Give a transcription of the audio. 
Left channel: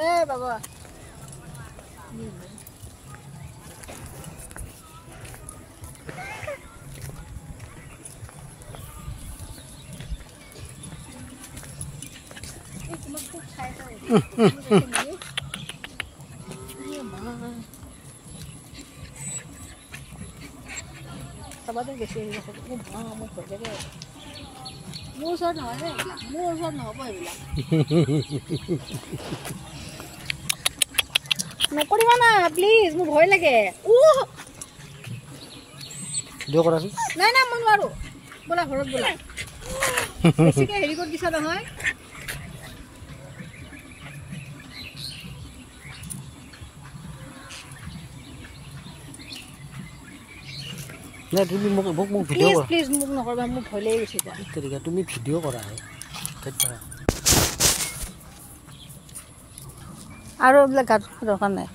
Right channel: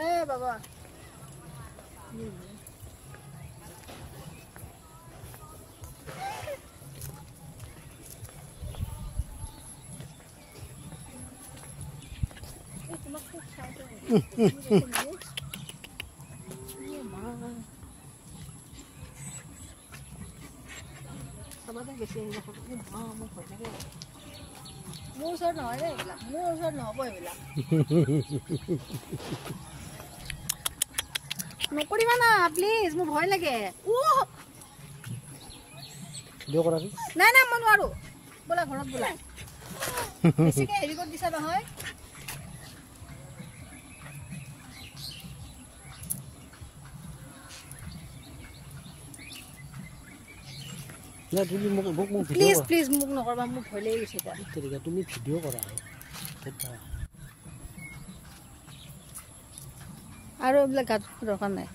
ए बाबा सबसे बेसी মোৰ ওচৰত নহয় যে এইবিলাক মোৰ ওচৰত নহ'ব এইবিলাক নকৰিবা না প্লিজ মোৰ ভয় লাগে ভিডিঅ' কৰাচোন নাই নাই মই নোৱাৰো বোলা ঘৰত বোলা বেছিকৈ হেৰি কৰি দিছা নহয় না তুমি মোক ভিডিঅ' কৰা প্লিজ মোক নকৰিবা মোক ভয় লাগি গৈছে এতিয়া তুমি ভিডিঅ' কৰা আৰু এইবিলাক গাত দৰকাৰ নাই